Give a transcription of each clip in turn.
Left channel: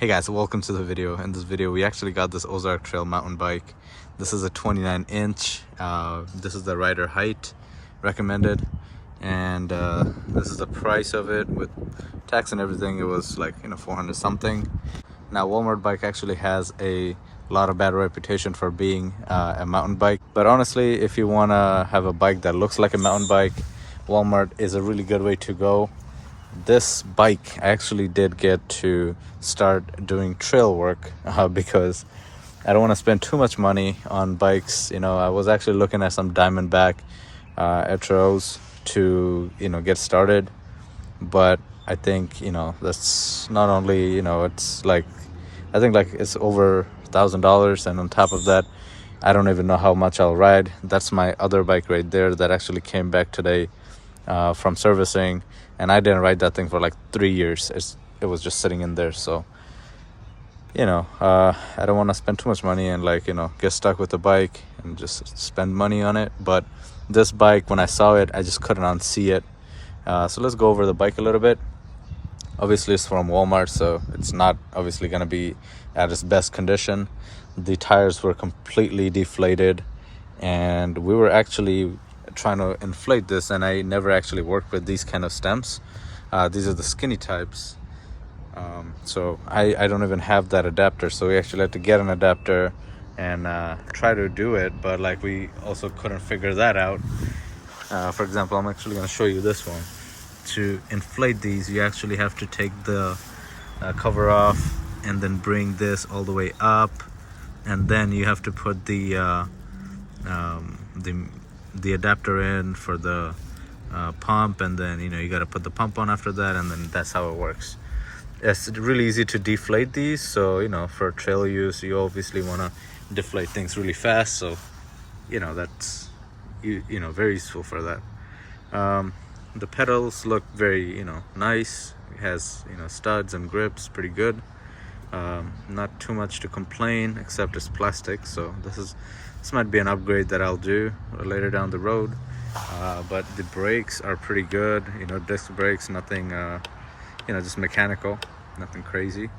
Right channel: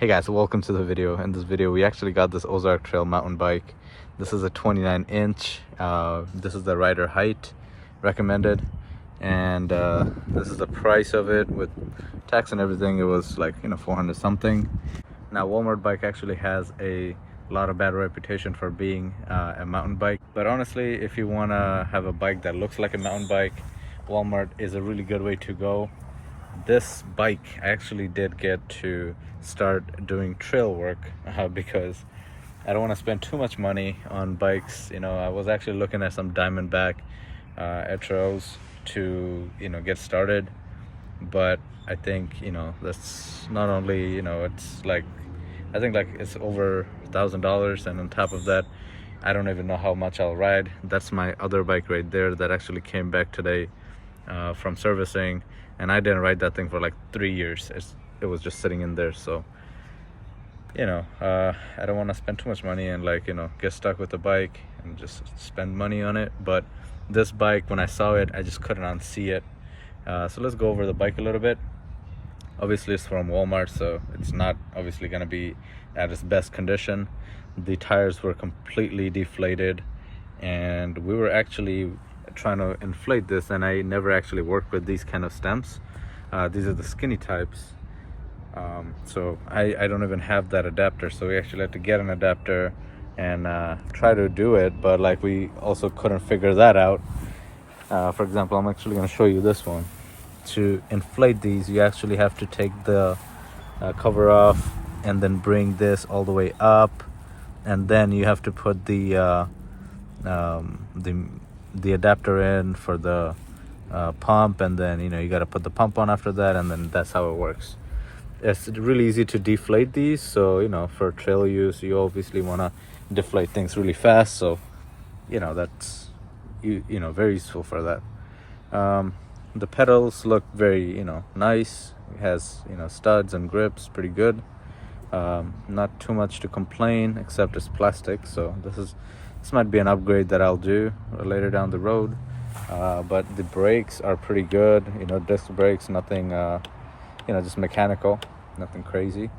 Hey guys, welcome to the video. In this video we actually got this OZARK trail mountain bike. This is a 29-inch. This is the rider height recommended, and this is the price of it with tax and everything. It was like 400 something. Now Walmart bike actually has a lot of bad reputation for being a mountain bike, but honestly, if you want to have a bike that looks like a mountain bike, Walmart is a really good way to go. This bike I actually did get to start doing trail work because I don't want to spend too much money on bikes. I was actually looking at some Diamondback Etros to get started, but I think that's not only it's like I think like it's over $1,000, and on top of that I don't even know how much I'll ride. That's my other bike right there that actually came back today from servicing, and I didn't ride that thing for like 3 years. It was just sitting in there. So I don't want to spend too much money and get stuck with the bike and just spend money on it. But this bike, when I saw it, I just couldn't unsee it. So let's go over the bike a little bit. Obviously it's from Walmart, so it's not obviously going to be at its best condition. The tires were completely deflated, and we were actually trying to inflate this, and I never actually worked with these kind of stems. These are the skinny types, so I don't even have that adapter, so we actually had to get an adapter and try to do it, but we also couldn't figure that out. For example, I'm actually going to show you this one. To inflate these, you actually have to take the cover off and then bring this all the way up, and then you have to put the adapter in for the pump, and then you got to put the pump on after that, and then that's how it works. It's really easy to deflate these, so for trail use you obviously want to deflate things really fast, so that's very useful for that. The pedals look very nice. It has studs and grips, pretty good. Not too much to complain, except it's plastic, so this might be an upgrade that I'll do later down the road. But the brakes are pretty good, disc brakes, nothing just mechanical, nothing crazy.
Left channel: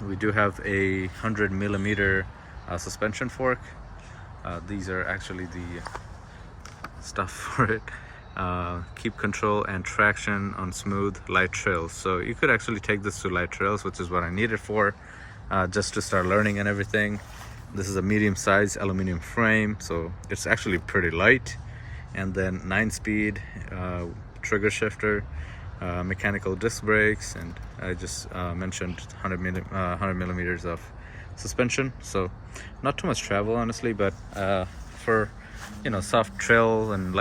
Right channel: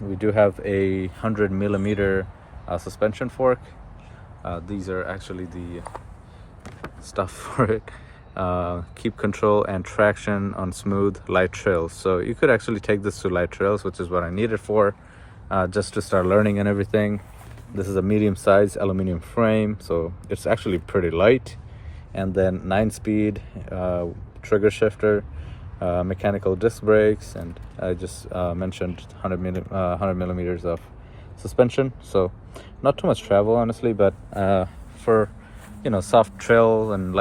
We do have a 100mm suspension fork. These are actually the stuff for it. Keep control and traction on smooth light trails. So you could actually take this to light trails, which is what I need it for, just to start learning and everything. This is a medium-sized aluminum frame, so it's actually pretty light. And then 9-speed trigger shifter, mechanical disc brakes, and I just mentioned 100 millimeters of suspension. So not too much travel, honestly, but for soft trail and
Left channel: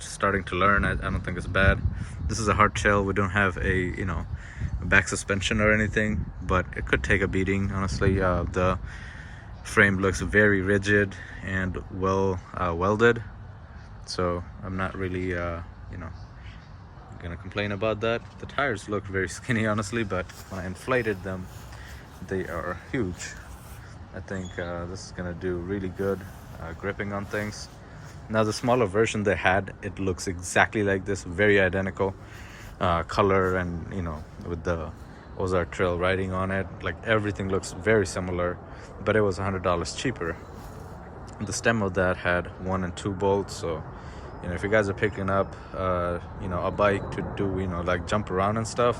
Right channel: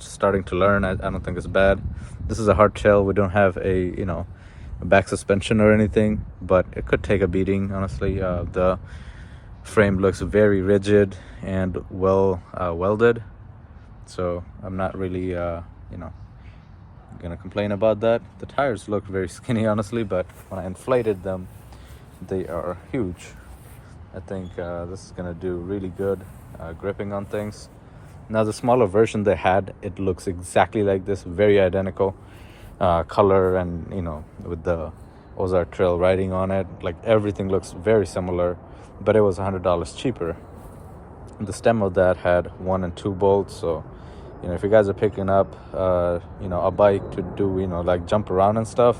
starting to learn, I don't think it's bad. This is a hard trail. We don't have a back suspension or anything, but it could take a beating, honestly. The frame looks very rigid and well welded, so I'm not really gonna complain about that. The tires look very skinny, honestly, but when I inflated them, they are huge. I think this is gonna do really good gripping on things. Now the smaller version they had, it looks exactly like this, very identical color, and with the OZARK trail writing on it, everything looks very similar, but it was $100 cheaper. The stem of that had 1 and 2 bolts, so if you guys are picking up a bike to do jump around and stuff,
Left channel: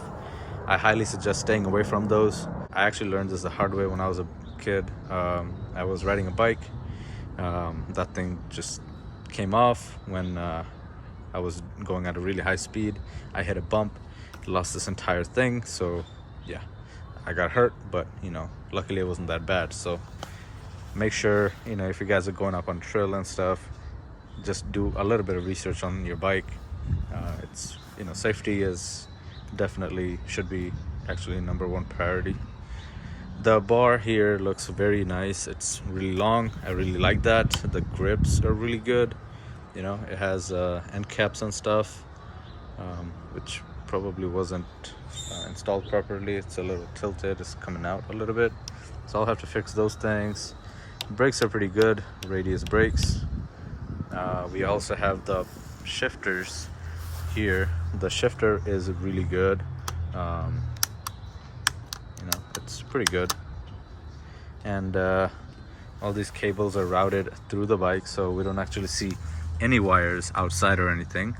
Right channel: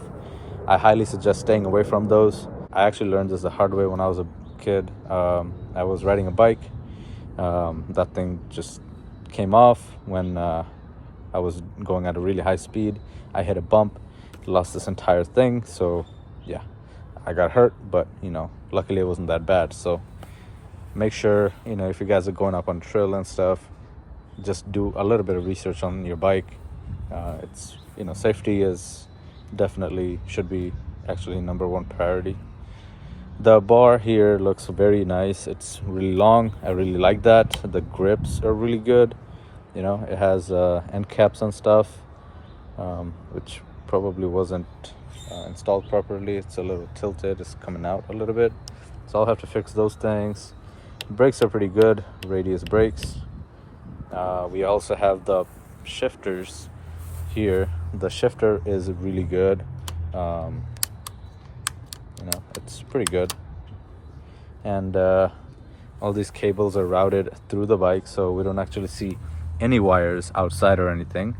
I highly suggest staying away from those. I actually learned this the hard way when I was a kid. I was riding a bike, that thing just came off when I was going at a really high speed. I hit a bump, lost this entire thing, so yeah, I got hurt, but luckily it wasn't that bad. So make sure if you guys are going up on trail and stuff, just do a little bit of research on your bike. It's safety is definitely should be actually #1 priority. The bar here looks very nice. It's really long. I really like that. The grips are really good. It has end caps and stuff, which probably wasn't installed properly. It's a little tilted. It's coming out a little bit, so I'll have to fix those things. Brakes are pretty good, radius brakes. We also have the shifters here. The shifter is really good. it's pretty good. And all these cables are routed through the bike, so we don't actually see any wires outside or anything.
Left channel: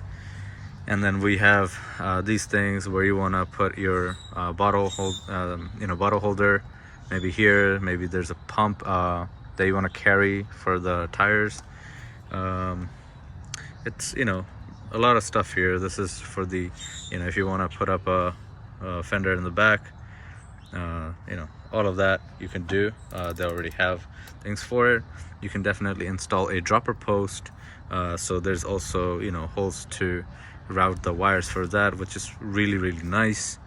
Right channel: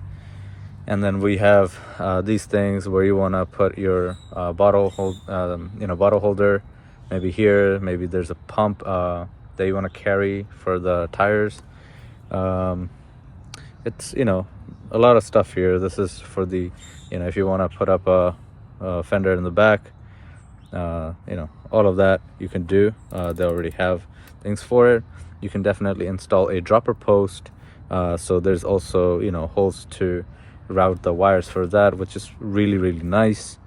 And then we have these things where you want to put your bottle holder, maybe here, maybe there's a pump that you want to carry for the tires. It's, you know, a lot of stuff here. This is for the, you know, if you want to put up a fender in the back, you know, all of that you can do. They already have things for it. You can definitely install a dropper post. So there's also, you know, holes to route the wires for that, which is really nice.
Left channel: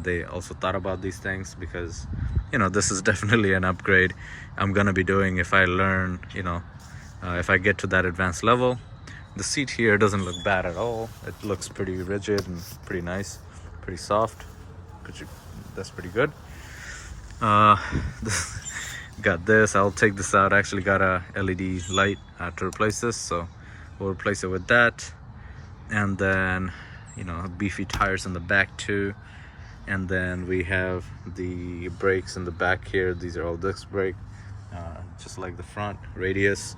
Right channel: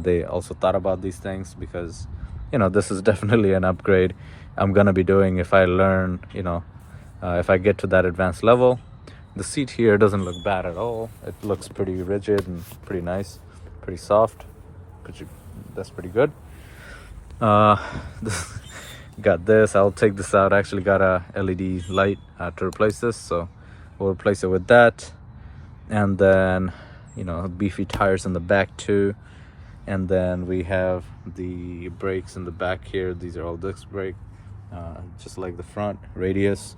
They also thought about these things because, you know, this is definitely an upgrade I'm gonna be doing if I learn, you know, if I get to that advanced level. The seat here doesn't look bad at all. It looks pretty rigid and pretty nice, pretty soft. That's pretty good. Got this. I'll take this out. I actually got a LED light to replace this, so we'll replace it with that. And then, you know, beefy tires in the back too. And then we have the brakes in the back here. These are all disc brake, just like the front radius.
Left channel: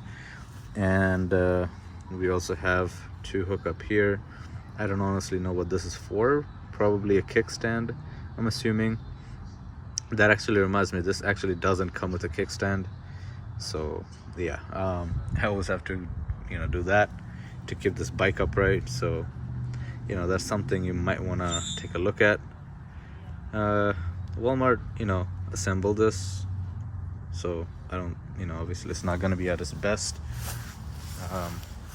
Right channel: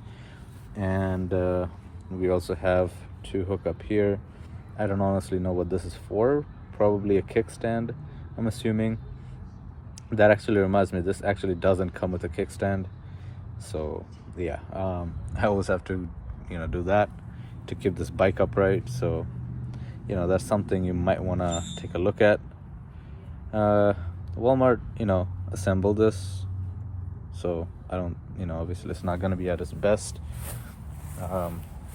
And we also have two hook up here. I don't honestly know what this is for. Probably a kickstand, I'm assuming. That actually reminds me, this actually doesn't come with a kickstand. So yeah, I always have to, you know, do that to keep this bike upright. So, you know, that's something you might want to take a look at. Walmart, you know, assembled this, so I don't, you know, obviously it's not going to be at its best.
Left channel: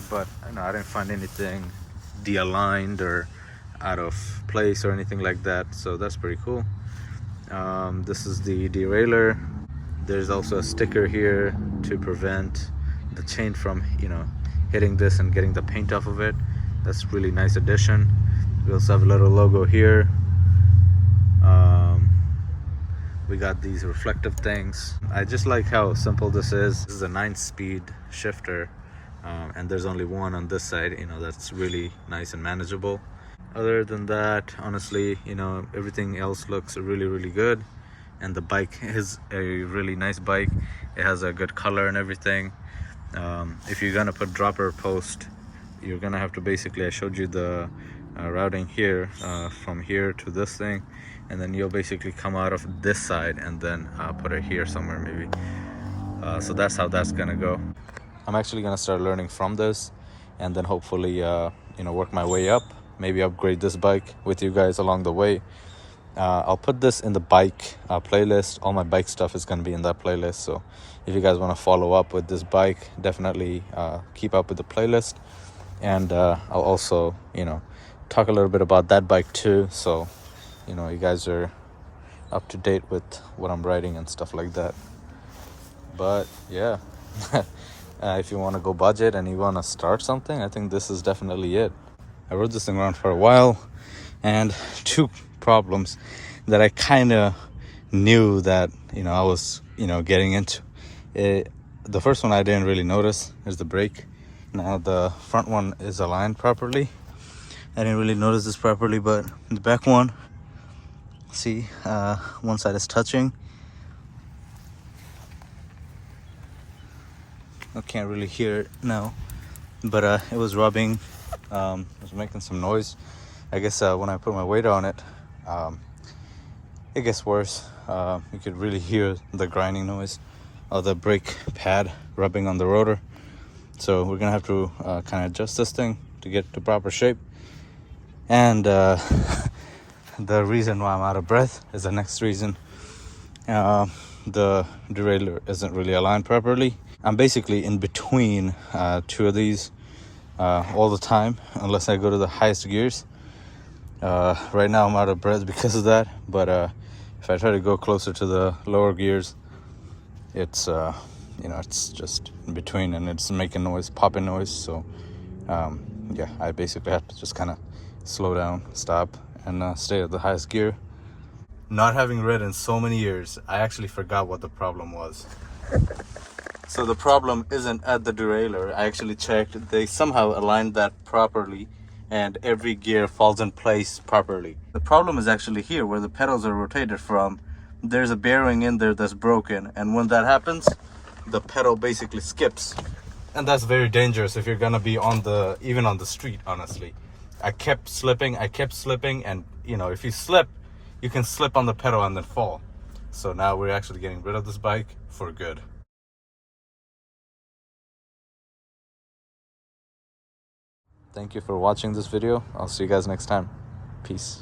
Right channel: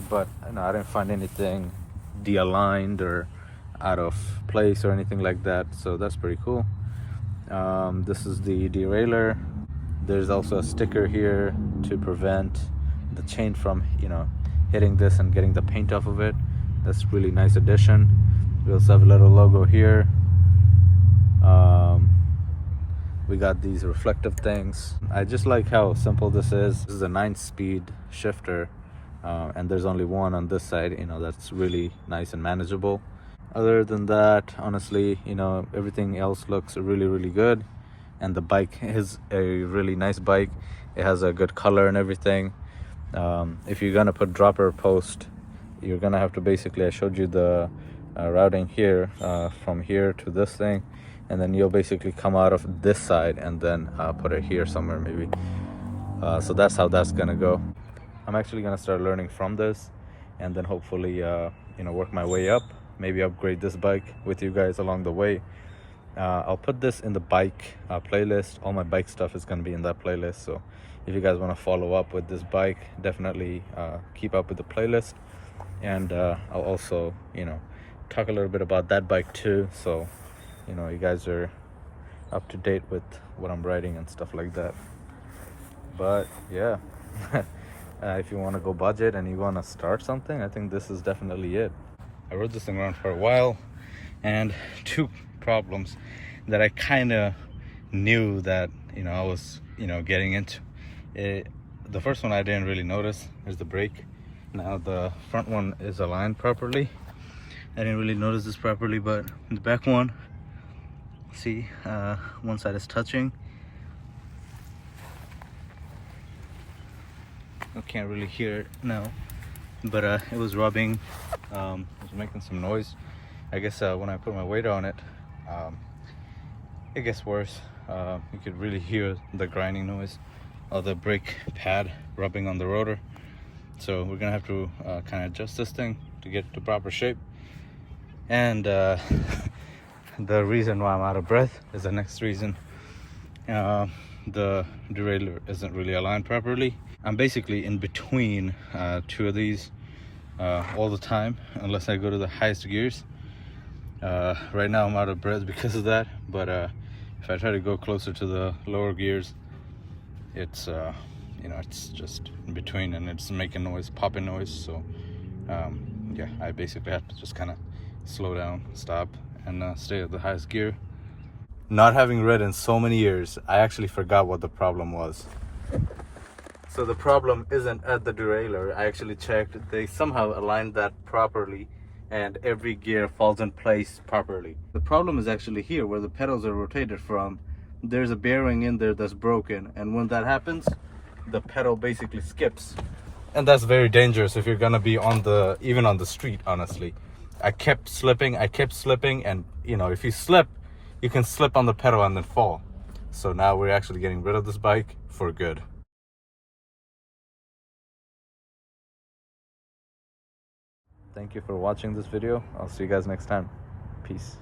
But you know, I didn't find anything de-aligned or out of place or anything like that, so that's pretty cool. This is the derailleur. There's also a sticker here to prevent the chain from, you know, hitting this and getting the paint off of it. That's really nice addition. We also have a little logo here. We got these reflective things. I just like how simple this is. This is a 9-speed shifter, and there's only one on this side. You know, that's really nice and manageable. Other than that, honestly, you know, everything else looks really good. And the bike is a really nice bike. It has a good color and everything. If you're gonna put dropper post, you're gonna have to basically, I showed you the routing here, from here to this thing, and then you'll basically come out of this side and then put it here somewhere maybe. So that's how that's gonna go. I'm actually gonna start learning from this, and then hopefully you know, work my way up, maybe upgrade this bike with you guys along the way. I'll put this in the bike playlist. All my bike stuff is going to be in that playlist, so if you guys want to follow up with this bike, definitely keep up with the playlist. And I'll also, you know, talk a little bit about that bike too, so you know, you guys are up to date with what I'm riding and stuff like that. But yeah, if you want to go budget and you want to start something, I think this is definitely it. I rode this thing around for a while, and two problems that I kind of knew that, you know, I was, you know, getting into. The first one I didn't really notice is the brake. Now the front one is aligned properly. I didn't really notice this properly, but the back one, see, one side is touching. I can't really hear it now, but it was rubbing. It was making some noise. I guess when I put my weight on it, it gets worse. You could really hear the grinding noise of the brake pad rubbing on the rotor. So we're gonna have to kind of adjust this thing to get to proper shape. And the reason why I'm out of breath is the next reason. The derailleur isn't really aligned properly. I'm basically in between two of these all the time, unless I go to the highest gears. Right now I'm out of breath because of that, but if I try to go closer to the lower gears, it's you know, it's just in between and it's making noise, popping noise. So yeah, I basically have to just kind of slow down, stop, and stay at the highest gear. Not having ridden so many years, I actually forgot what the problem was. So the problem isn't at the derailleur. I actually checked. They somehow aligned that properly and every gear falls in place properly. The problem is actually here where the pedals are rotated from. there's a bearing in there that's broken, and when that happens, the pedal basically skips, and that's very dangerous if you're gonna be on the, even on the street. Honestly, I kept slipping, and you know, if you slip, you can slip on the pedal and then fall. So now we're actually getting rid of this bike for good. Thank you for watching this video. I'll see you guys next time. Peace.